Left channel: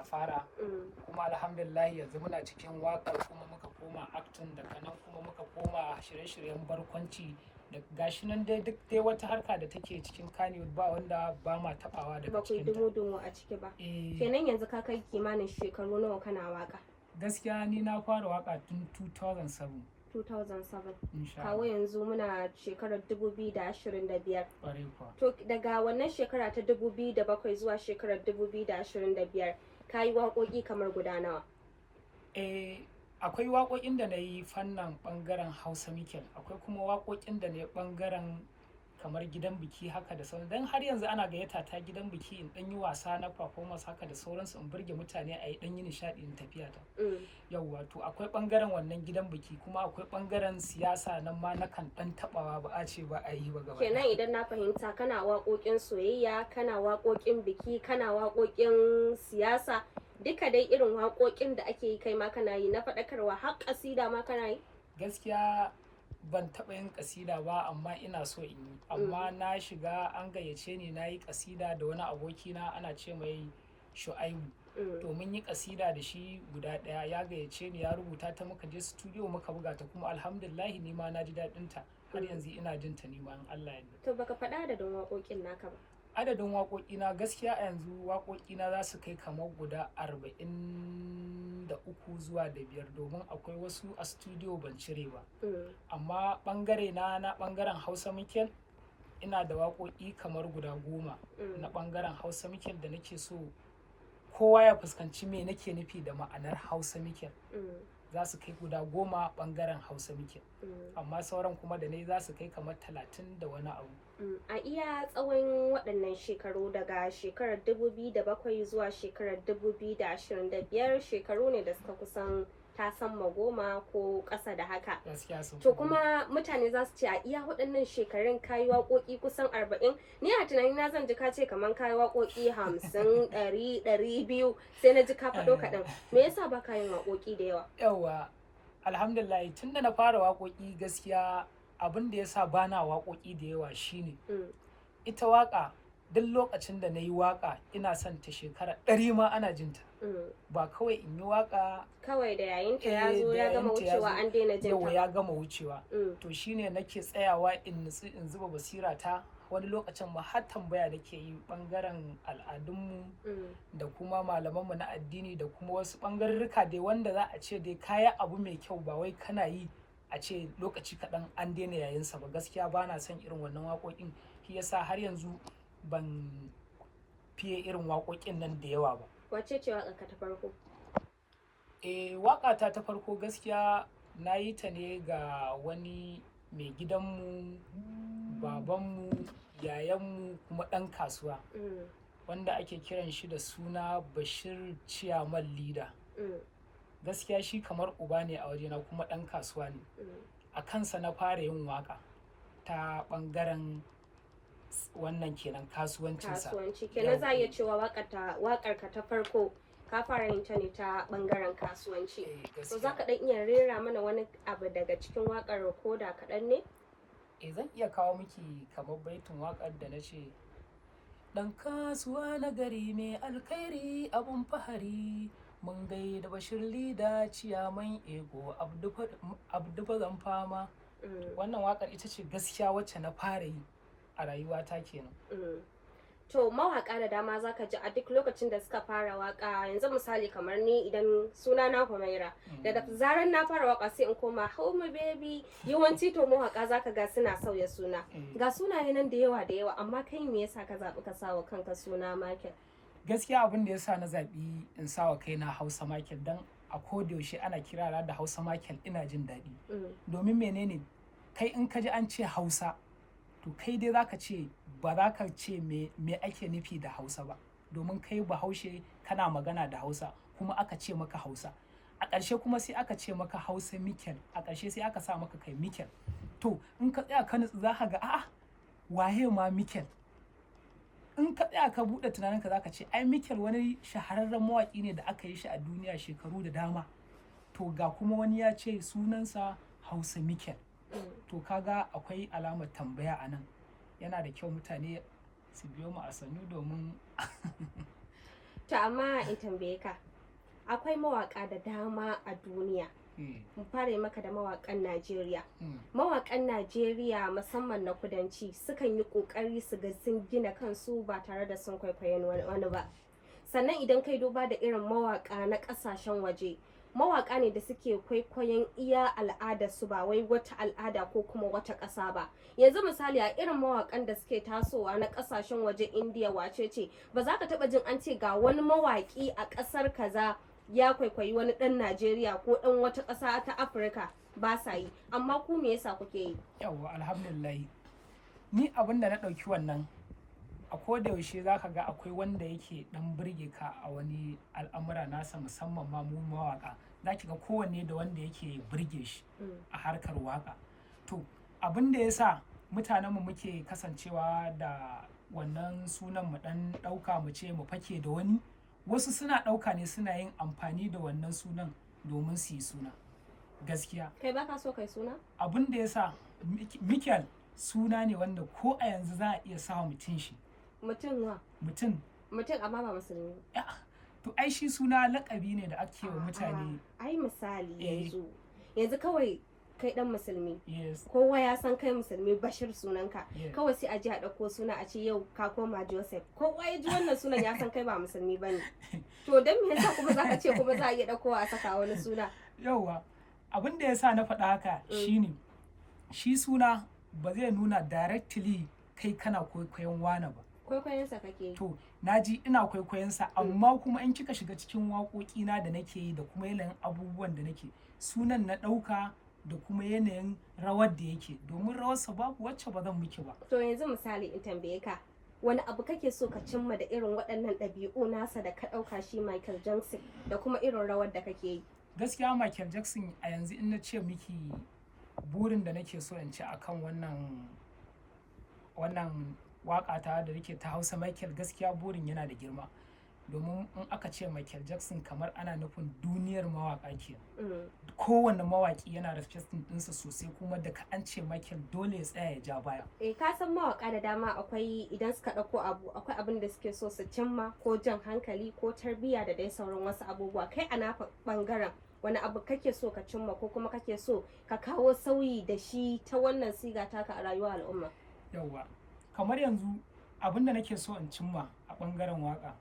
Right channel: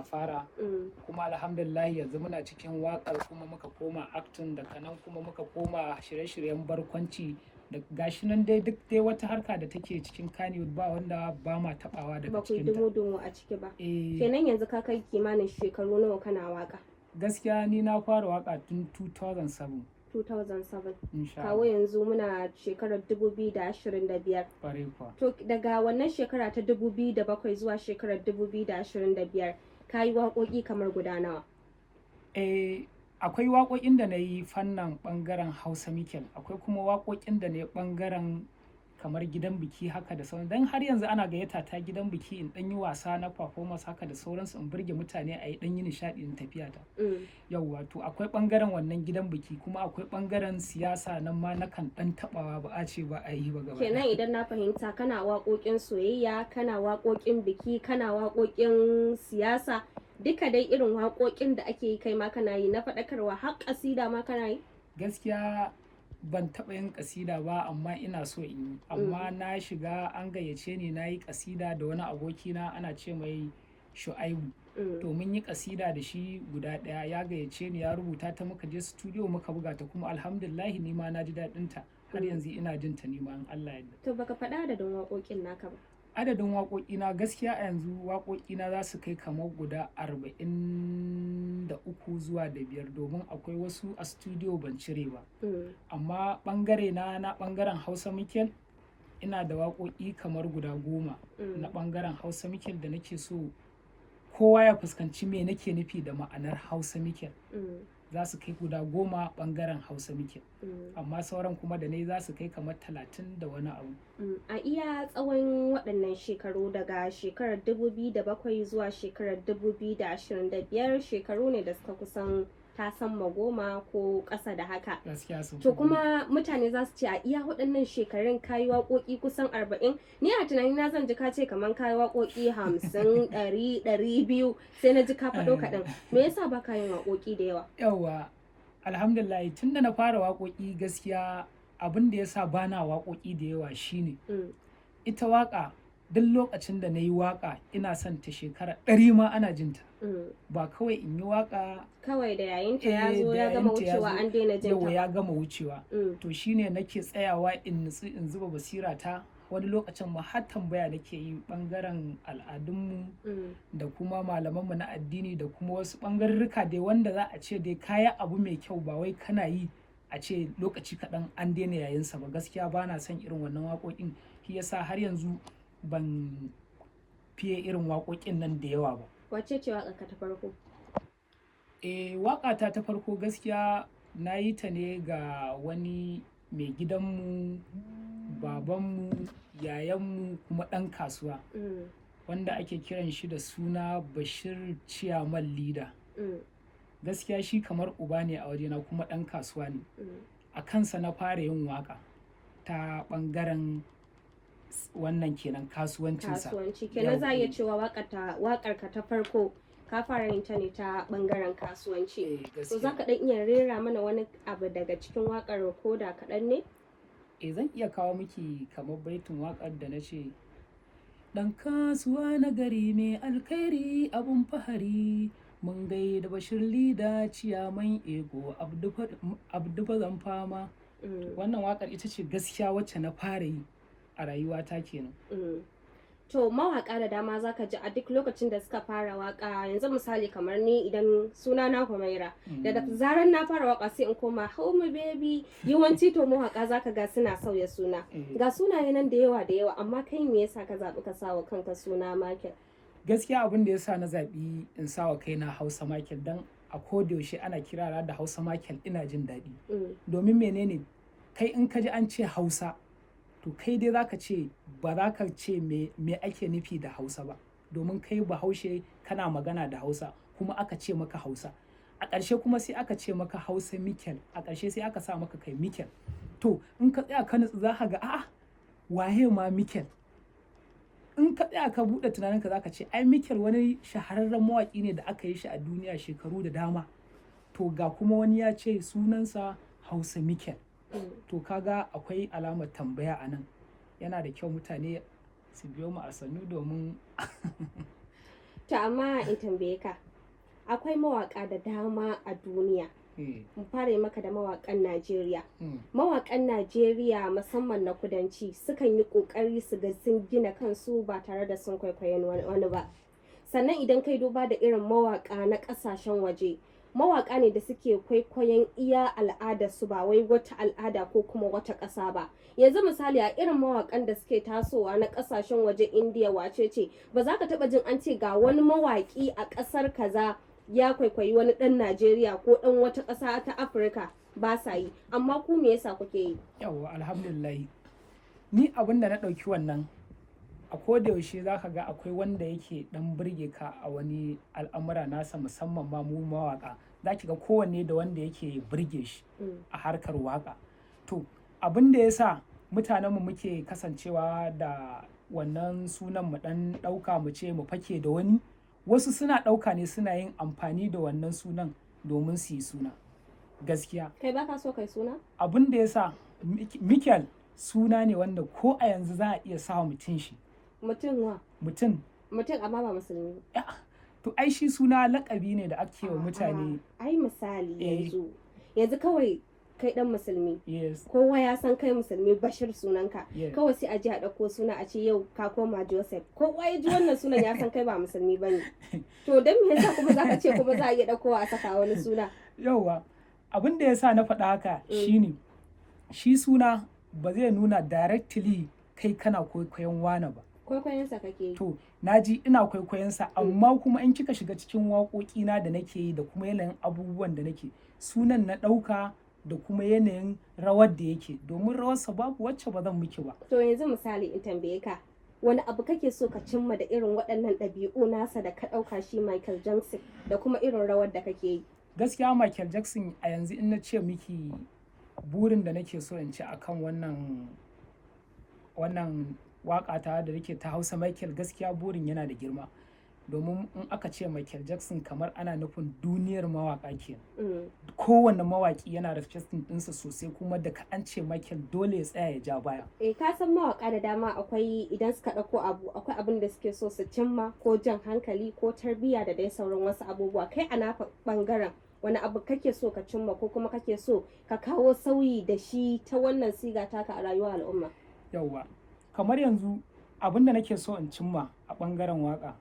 na fara kuma alhamdulillah yanzu muna cikin waƙar kuma muka koma acting daga nan kuma muka koma shirye-shiryen barkwanci da gashi nan dai duk dai wata harka da take cikin Kannywood ba wanda ba ma tabawa daga cikin ta. Ba ku dumo a ciki ba. Kenan yanzu ka kai kimanin shekaru nawa kana waka? Gaskiya ni na fara waka tun 2007. 2007. Kawo yanzu muna shekarar 2025. Ƙwarai kuwa. To daga wannan shekara ta 2007 zuwa shekarar 2025 ka yi waƙoƙi kamar guda nawa? Akwai waƙoƙin da na yi fannin ɓangaren Hausa Mikel, akwai kuma waƙoƙin da na yi ɓangaren kamar gidan biki haka da sauran. Dan har yanzu ana gayyata ta gidan biki in ɗan yi wasa na performance haka da sauransu in burge mutane a yi ɗan yi nishaɗi in tafiya ta. Yauwa to akwai ɓangaren wannan gidan biki kuma akwai ɓangaren siyasa nan ma na kan ɗan taɓawa ba a ce ba a yi ba gaba. Kenan idan na fahimta kana waƙoƙin soyayya, kana waƙoƙin biki, kana waƙoƙin siyasa, duka dai irin waƙoƙin da ake yi kai ma kana yi na faɗakarwa har ƙasida ma kana yi? Gaskiya ban taɓa yin ƙasida ba amma ina so in yi, amma na shiga an gayyace ni na yi ƙasida da wani abokina ana ce mai Shu'aibu. To mun yi ƙasida da shi guda ɗaya, ya gayyace ni ya rubuta ta muka je studio muka buga ta kuma alhamdulillah ni ma na ji daɗin ta har yanzu ina jin ta ni ma in Allah ya yarda. To baka faɗa adadin waƙoƙin naka ba? Adadin waƙoƙina gaskiya a yanzu waƙoƙina za su kai kamar guda 43 zuwa da 5 domin akwai wasu a studio ban cire ba. Amma ɓangare na ɓangaren Hausa Mikel ina da waƙoƙi kamar guda 10 na ɓangaren Hausa Mikel da nake so kowa ya fuskanci me nake nufi da ma'anar Hausa Mikel. Za su kai guda 10 ɓangaren Hausa Mikel. Amma sauran kuma da nai za su kai kamar 30 da wani abu. A iya tsawon waɗannan shekaru daga shekarar 2007 zuwa shekarar 2025 shekaru ne da suka kusan tasamma 10 ko ƙasa da haka. Gaskiya sun To kuma mutane za su ce a iya waɗannan shekarun kayi waƙoƙi kusan 40. Ni a tunanina zan ji ka ce kamar kayi waƙoƙi 50, 100, 200 sai na ji ka faɗo kaɗan. Me yasa ba ka yin waƙoƙi da yawa? Yawwa, alhamdulillah tun da na fara waƙoƙi gaskiya abin da ya sa ba na waƙoƙi da yawa shine ita waƙa duk lokacin da na yi waƙa ina son ta shekara 100 ma ana jinta. Ba kawai in yi waƙa kawai da yayinta ya zo ya gama wucewa an daina jinta. Yawa ya gama wucewa. To shine nake tsayawa in nutsu in zuba basira ta wani lokacin ma har tambaya nake yi ɓangaren al'adunmu da kuma malamanmu na addini da kuma wasu ɓangarurruka dai wanda za a ce dai kaya abu mai kyau ba wai kana yi a ce lokaci kaɗan an daina yayinsa ba. Gaskiya ba na son irin wannan waƙoƙin, shi yasa har yanzu ban fiye irin waƙoƙin nan da yawa ba. Wace ce waƙarka ta farko? Waƙata ta farko gaskiya na yi ta ne ga wani mai gidanmu, babanmu, yayanmu kuma ɗan kasuwa wanda ake kiran shi da suna Bashir Ciyaman Leader. Gaskiya shi kamar uba ne a wajena kuma ɗan kasuwa ne. A kansa na fara yin waƙa ta ɓangaren wannan kenan kasuwancinsa. Kasuwanci kenan za a iya cewa waƙarka ta farko ka fara yin ta ne ta ɓangaren kasuwanci. To za ka ɗan iya rera mana wani abu daga cikin waƙar ko da kaɗan ne? Zan iya kawo miki kamar baitin waƙar da na ce ɗan kasuwa na gari mai alkhairi abun fahari mun gaida Bashir Leader Ciyaman Ego Abdu zan fama. Wannan waƙar ita ce gaskiya wacce na fara yi a rayuwata kenan. To mawaƙa da dama zaka ji a duk lokacin da suka fara waƙa, yanzu misali kamar ni idan suna na Humaira daga zarar na fara waƙa sai in koma Home Baby. Yawanci to mawaƙa zaka ga suna sauya suna. Ga sunaye nan da yawa amma kai me yasa ka zaɓi ka sawa kanka suna Michael? Gaskiya abin da yasa na zaɓi in sawa kaina Hausa Michael dan a kodayaushe ana kirana da Hausa Michael ina jin daɗi. Domin menene kai in ka ji an ce Hausa to kai dai za ka ce ba za ka ce me ake nufi da Hausa ba domin kai Bahaushe kana magana da Hausa kuma aka ce maka Hausa a ƙarshe kuma sai aka ce maka Hausa Mikel a ƙarshe sai aka sa maka kai Mikel. To in ka tsaya ka nutsu za ka ga a'a waye ma Mikel. In ka tsaya ka buɗe tunaninka za ka ce ai Mikel wani shahararren mawaƙi ne da aka yi shi a duniya shekaru da dama. To ga kuma wani ya ce sunansa Hausa Mikel. To kaga akwai alamar tambaya a nan, yana da kyau mutane su biyo mu a sannu domin To amma in tambaye ka, akwai mawaka da dama a duniya. Mu fara maka da mawakan Najeriya. Mawakan Najeriya musamman na kudanci sukan yi kokari su ga sun gina kansu ba tare da sun kwaikwayon wani ba. Sannan idan kai duba da irin mawaka na kasashen waje, mawaka ne da suke kwaikwayon iya al'adarsu ba wai wata al'ada ko kuma wata ƙasa ba. Yanzu misali a irin mawakan da suke tasowa na ƙasashen waje, Indiya wace ce, ba za ka taɓa jin an ce ga wani mawaki a ƙasar kaza ya kwaikwayi wani ɗan Najeriya ko ɗan wata ƙasa ta Afirka, ba sa yi. Amma ku me yasa kuke yi? Yawwa, alhamdulillah. Ni abin da na ɗauki wannan, a koda yaushe za ka ga akwai wanda yake ɗan burge ka a wani al'amura nasa, musamman ma mu mawaƙa. Za ki ga kowanne da wanda yake burge shi a harkar waƙa. To abin da ya sa mutanenmu muke kasancewa da wannan sunan mu ɗan ɗauka mu ce mu fake da wani, wasu suna ɗauka ne suna yin amfani da wannan sunan domin su yi suna. Gaskiya. Kai baka so kai suna? Abin da ya sa Mikel suna ne wanda ko a yanzu za a iya sa mutum shi. Mutum wa? Mutum amma ba musulmi ba. To ai shi suna laƙabi ne da ake wa mutane. Ai misali yanzu kawai kai dan musulmi. Yes. Kowa ya san kai musulmi, Bashir sunanka. Yes. Kawai sai a ji a ɗauko suna a ce yau ka koma Joseph. Kowa ya ji wannan sunan ya san kai ba musulmi bane. To dan me yasa kuma zaka ce kuma za a iya ɗaukowa a saka wani suna? Yauwa, abin da yasa na faɗa haka shine shi suna ba zai nuna directly kai kana kwaikwayon wane ba. Kwaikwayonsa kake yi. To naji ina kwaikwayonsa, amma kuma in kika shiga cikin waƙoƙina da nake yi da kuma yanayin abubuwan da nake, sunan na ɗauka da kuma yanayin rawar da yake, domin rawarsa babu wacce ba zan miki ba. To yanzu misali in tambaye ka, wani abu kake so ka cimma da irin waɗannan ɗabi'u nasa da ka ɗauka shi Michael Jackson, da kuma irin rawar da kake yi? Gaskiya Michael Jackson a yanzu in na ce miki burin da nake so in ci akan wannan waƙa ta da nake ta Hausa Michael, gaskiya burin yana da girma. Domin in aka ce Michael Jackson kamar ana nufin duniyar mawaƙa kenan. Kowanne mawaƙi yana respecting ɗinsa sosai, kuma da ka an ce Michael dole ya tsaya ya ja baya. Ka san mawaƙa da dama akwai idan suka ɗauko akwai abin da suke so su cimma, ko jan hankali ko tarbiyya da dai sauran wasu abubuwa. Kai a naka ɓangaren wani abu kake so ka cimma ko kuma kake so ka kawo sauyi da shi ta wannan siga taka a rayuwar al'umma? Yauwa, kamar yanzu abin da nake so in cimma a ɓangaren waƙa,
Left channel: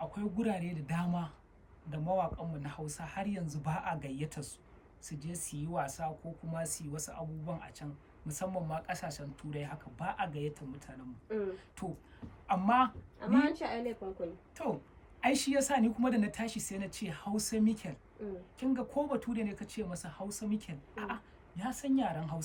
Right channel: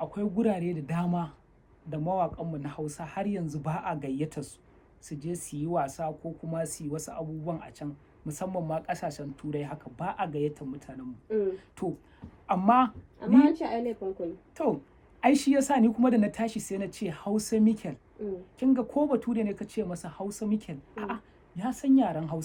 akwai gurare da dama da mawaƙanmu na Hausa har yanzu ba a gayyata su je su yi wasa ko kuma su yi wasu abubuwan a can, musamman ma ƙasashen Turai haka ba a gayyata mutanenmu. To amma an ce ai laifin ku ne. To ai shi yasa ni kuma da na tashi sai na ce Hausa Mikel. Kin ga ko bature ne ka ce masa Hausa Mikel, a'a ya san yaren Hausa.